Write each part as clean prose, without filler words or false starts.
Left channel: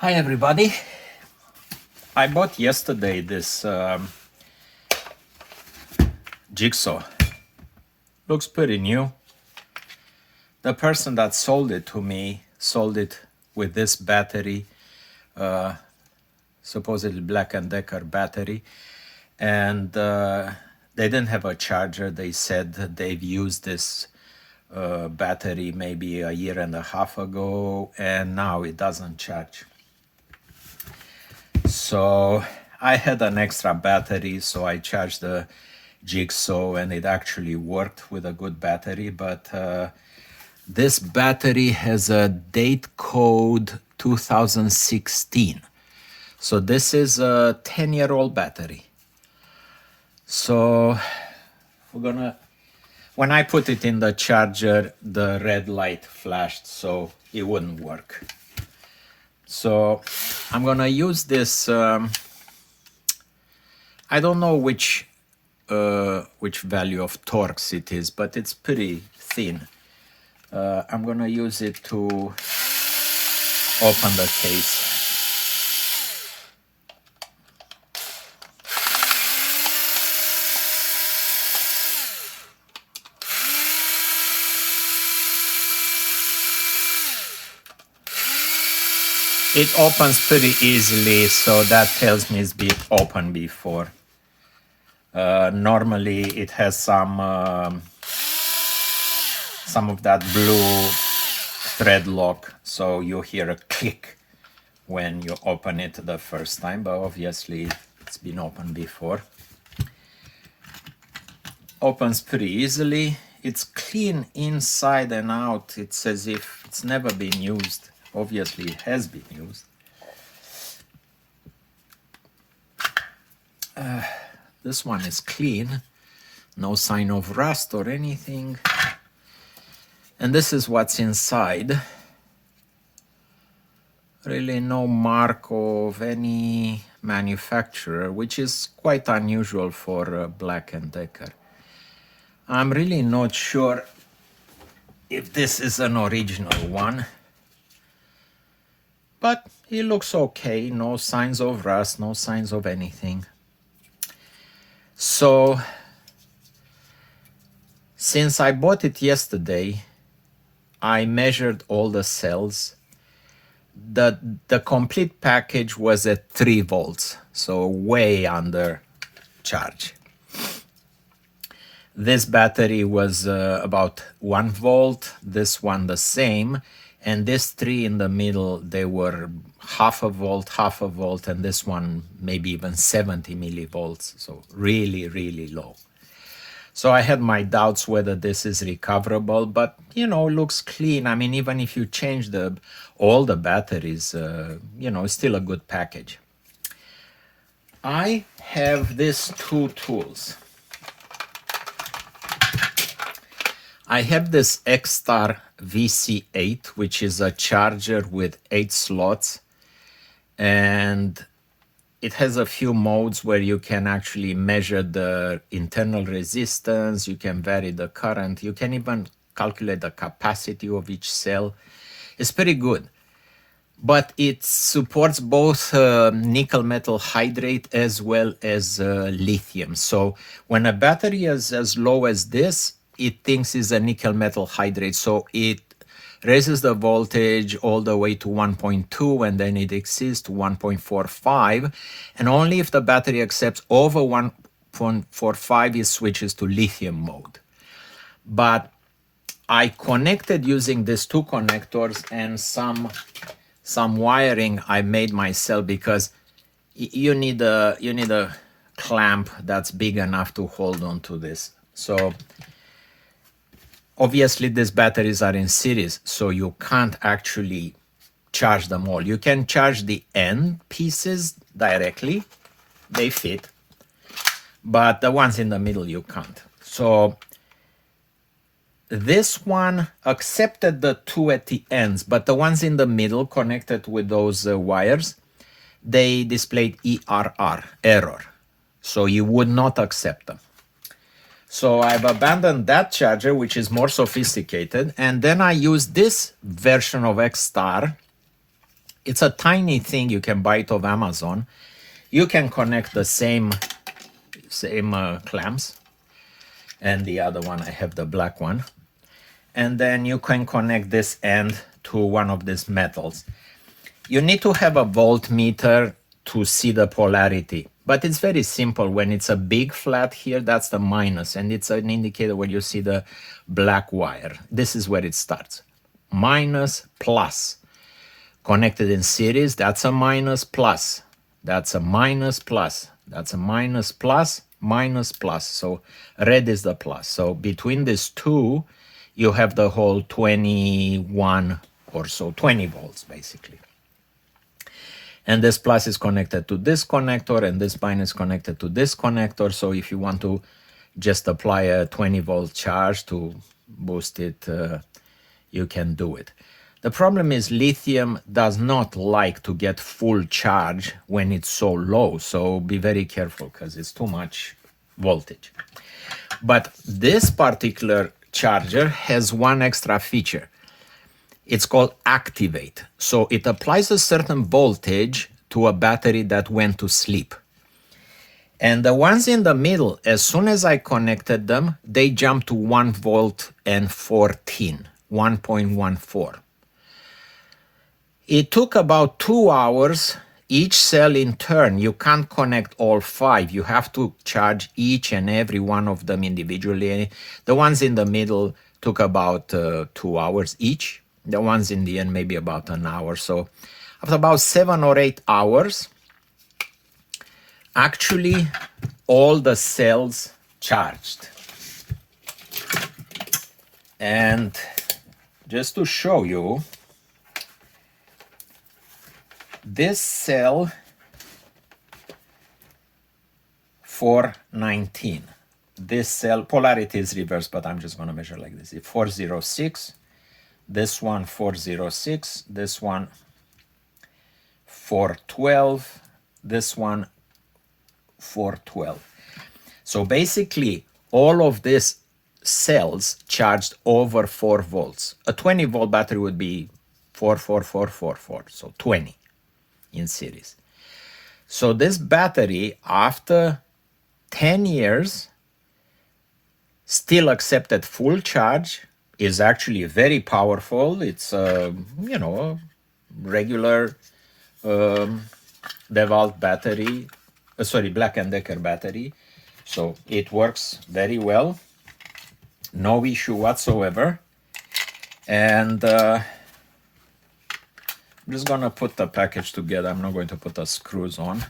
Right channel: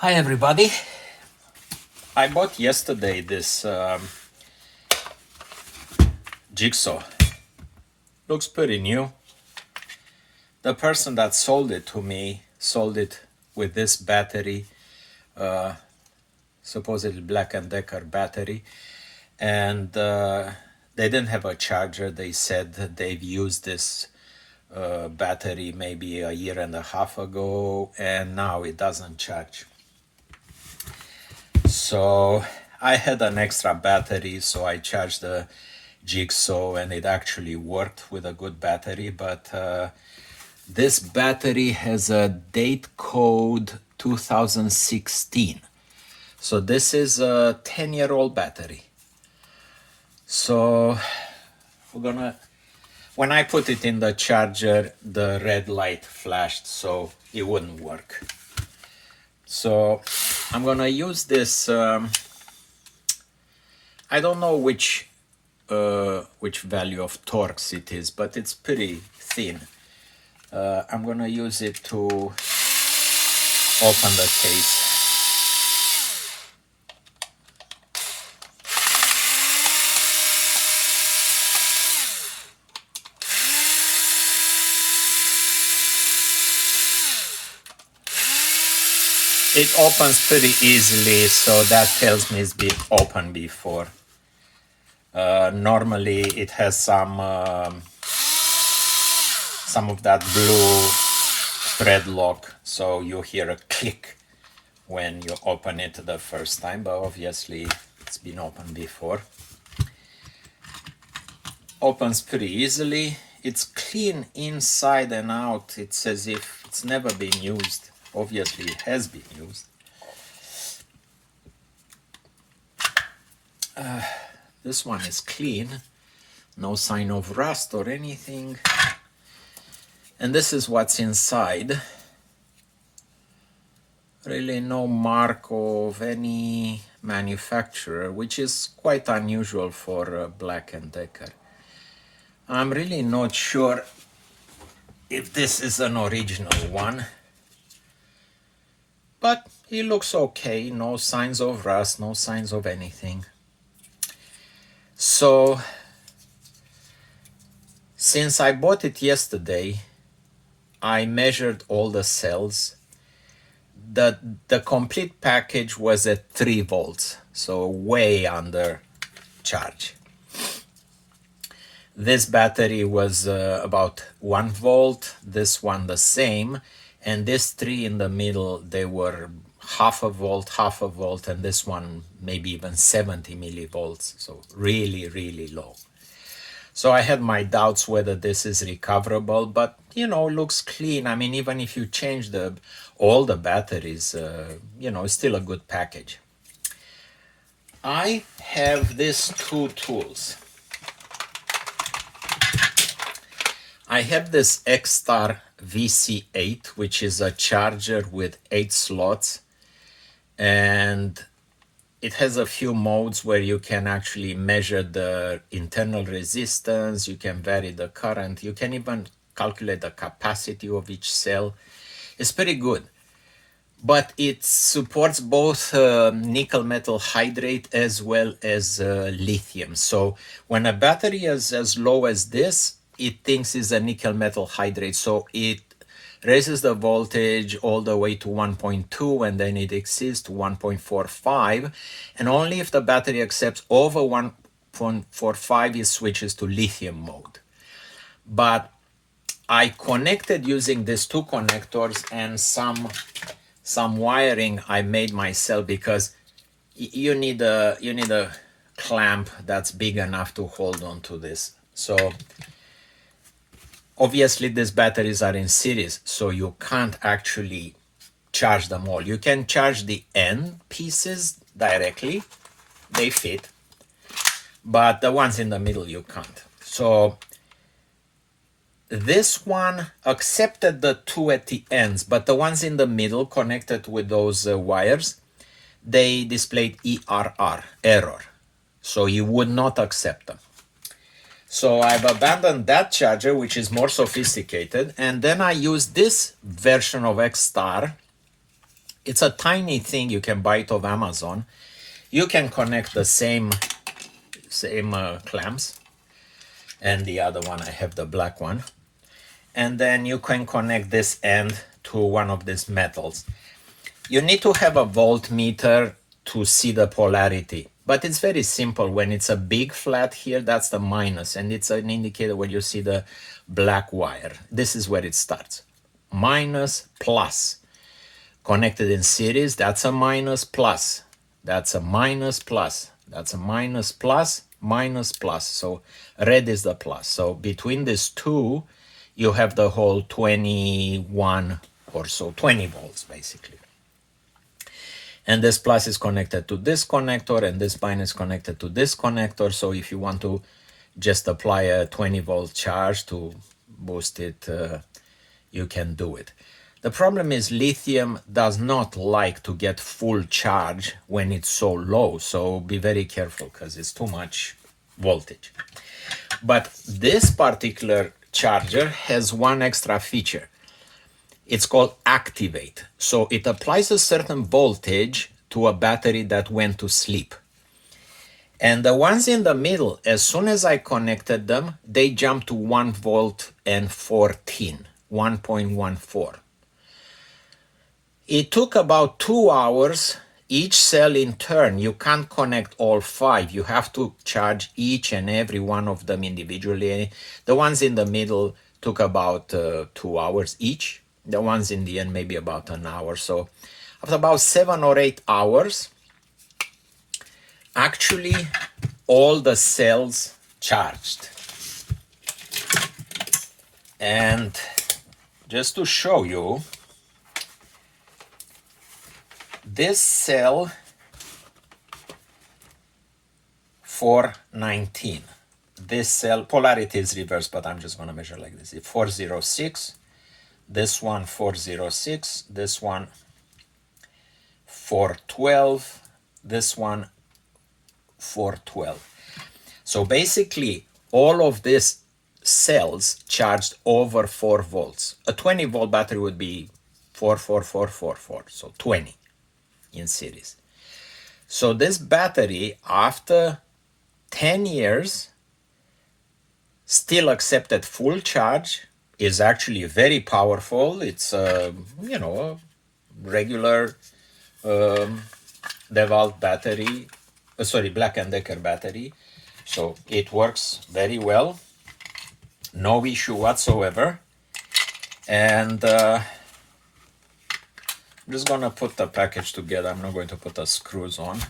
Hi everybody. I bought yesterday this jigsaw. Looks pretty new. The person that sold it to me sold it with this battery, supposedly Black Decker battery, and they didn't have a charger. They said they've used this battery maybe a year and a half ago, and now it doesn't charge. So I had an extra battery, so I charged the jigsaw and it actually worked with a good battery, but this battery has a date code 2016. So this is a 10-year-old battery. So when I put it in the charger, the red light flashed, so it wouldn't work. So I'm gonna use this, I don't know which value of Torx it is, but it's pretty thin. I'm gonna use it to open the case. It opens pretty easily, so that tells me it's been opened before. Normally it has some of that blue thread lock, so you hear a click when you open it the first time, but obviously it's been opened before. Opens pretty easily. It's clean inside and out. It's as if it's never been used. Obviously it has been used. This one is clean, no sign of rust or anything. And this is what's inside. Really no mark of any manufacturer, which is quite unusual for Black Decker. I'm really not sure if this is an original one, but it looks okay. No signs of rust, no signs of anything. So since I bought it yesterday, I measured all the cells. The complete package was at 3 volts, so way under charge. This battery was about 1 volt, this one the same, and this 3 in the middle, they were half a volt, and this one maybe even 70 millivolts, so really, really low. So I had my doubts whether this is recoverable, but you know, looks clean. I mean, even if you change all the batteries, you know, it's still a good package. I have these 2 tools. I have this X-Star VC8, which is a charger with 8 slots, and it has a few modes where you can actually measure the internal resistance, you can vary the current, you can even calculate the capacity of each cell. It's pretty good. But it supports both nickel metal hydrate as well as lithium. So when a battery is as low as this, it thinks is a nickel metal hydrate. So it raises the voltage all the way to 1.2, and then it exceeds to 1.45, and only if the battery accepts over 1.45 it switches to lithium mode. But I connected using these 2 connectors and some wiring I made myself, because you need a clamp that's big enough to hold on to this. So obviously these batteries are in series, so you can't actually charge them all. You can charge the end pieces directly, they fit, but the ones in the middle you can't. So this one accepted the 2 at the ends, but the ones in the middle connected with those wires, they displayed error, so you would not accept them. So I've abandoned that charger, which is more sophisticated, and then I use this version of X-Star It's a tiny thing. You can buy it off Amazon. You can connect the same clamps, and the other one, I have the black one. And then you can connect this end to one of these metals. You need to have a voltmeter to see the polarity, but it's very simple. When it's a big flat here, that's the minus, and it's an indicator when you see the black wire. This is where it starts. Minus, plus. Connected in series, that's a minus, plus. That's a minus, plus. That's a minus, plus, minus, plus. So red is the plus. So between these two, you have the whole 21 or so, 20 volts basically. And this plus is connected to this connector, and this minus connected to this connector. So if you want to just apply a 20 volt charge to boost it, you can do it. The problem is lithium does not like to get full charge when it's so low. So be very careful because it's too much voltage. But this particular charger has one extra feature. It's called activate. So it applies a certain voltage to a battery that went to sleep. And the ones in the middle, as soon as I connected them, they jumped to 1 volt and 14, 1.14. It took about 2 hours, each cell in turn. You can't connect all 5. You have to charge each and every one of them individually. The ones in the middle took about 2 hours each. The ones in the end, maybe about an hour. So after about 7 or 8 hours, actually all the cells charged. And just to show you, this cell 419, this cell, polarity is reversed, but I'm just going to measure like this. 406, this one 406, this one 412, this one 412. So basically all of these cells charged over 4 volts. A 20 volt battery would be 44444, so 20 in series. So this battery, after 10 years, still accepted full charge, is actually very powerful. It's a, regular DeWalt battery, Black Decker battery. So it works very well, no issue whatsoever. And I'm just gonna put the package together. I'm not going to put the screws on.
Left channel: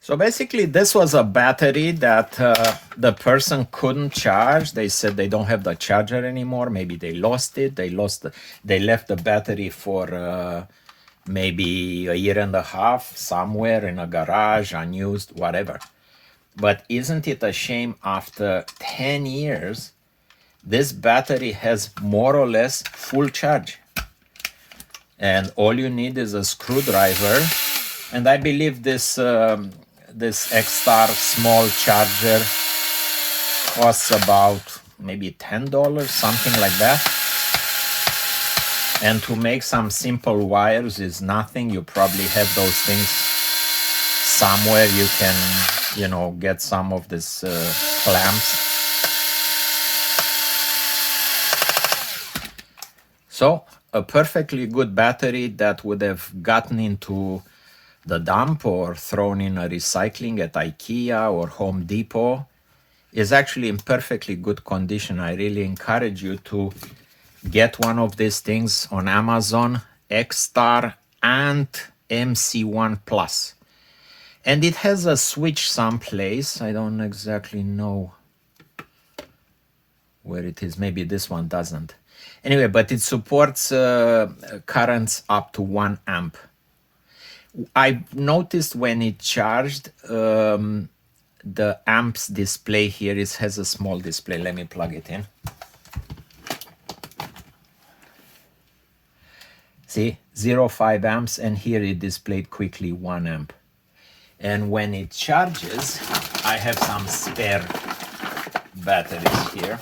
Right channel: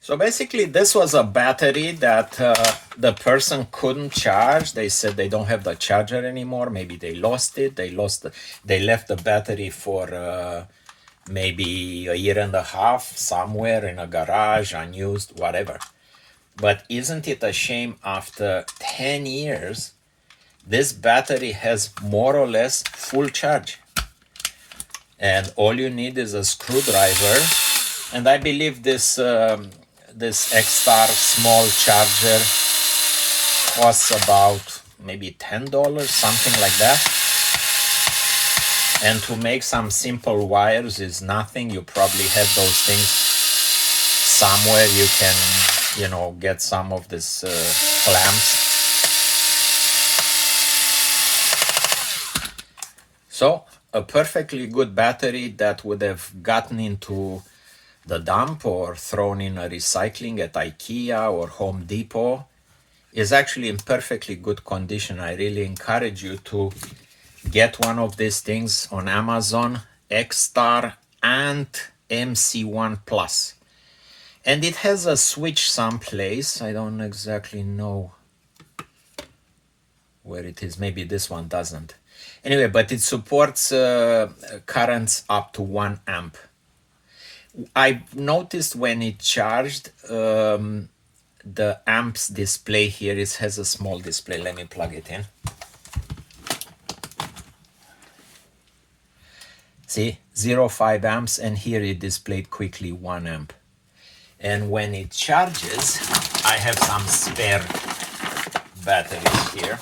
So basically this was a battery that the person couldn't charge. They said they don't have the charger anymore. Maybe they lost it. They left the battery for maybe a year and a half somewhere in a garage, unused, whatever. But isn't it a shame after 10 years, this battery has more or less full charge. And all you need is a screwdriver. And I believe this X-Star small charger costs about maybe $10, something like that. And to make some simple wires is nothing. You probably have those things somewhere. You can, get some of these clamps. So a perfectly good battery that would have gotten into the dump or thrown in a recycling at IKEA or Home Depot is actually in perfectly good condition. I really encourage you to get one of these things on Amazon, X-Star and MC1 Plus. And it has a switch someplace. I don't exactly know where it is. Maybe this one doesn't. Anyway, but it supports currents up to 1 amp. I noticed when it charged, the amps display here has a small display. Let me plug it in. See, 0.5 amps, and here it displayed quickly 1 amp. And when it charges, I have some spare batteries here.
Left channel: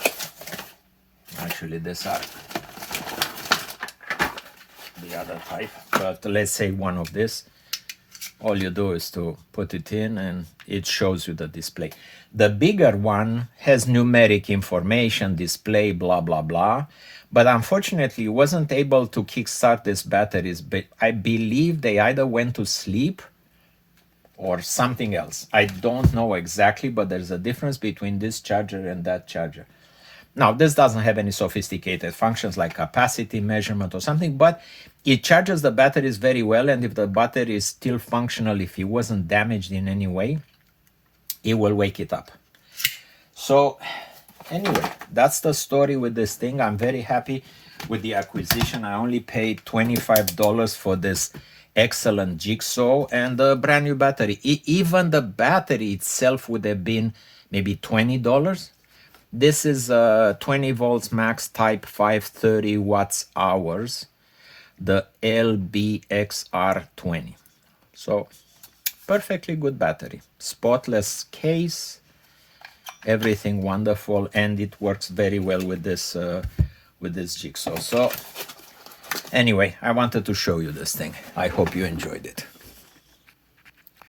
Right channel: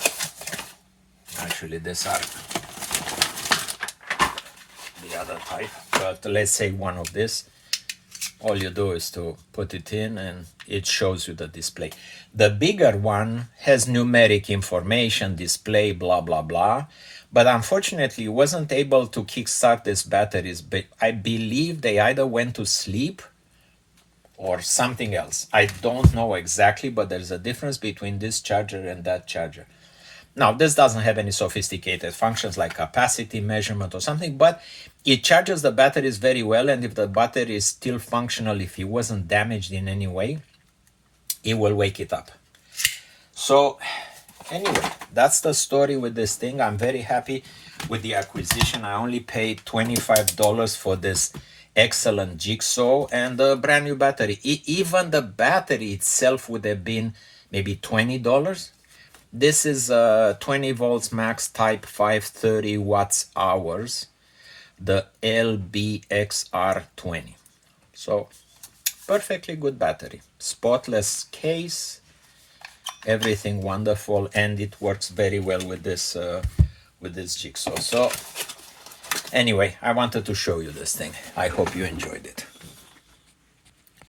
Actually, these are the other type, but let's say one of this. All you do is to put it in and it shows you the display. The bigger one has numeric information, display, blah, blah, blah. But unfortunately, it wasn't able to kickstart these batteries. But I believe they either went to sleep or something else. I don't know exactly, but there's a difference between this charger and that charger. Now, this doesn't have any sophisticated functions like capacity measurement or something, but it charges the batteries very well, and if the battery is still functional, if it wasn't damaged in any way, it will wake it up. So anyway, that's the story with this thing. I'm very happy with the acquisition. I only paid $25 for this excellent jigsaw and a brand new battery. Even the battery itself would have been maybe $20. This is 20 volts max type 530 watts hours, the LBXR20. So perfectly good battery, spotless case, everything wonderful, and it works very well with this jigsaw. So anyway, I wanted to show you this thing. I hope you enjoyed it.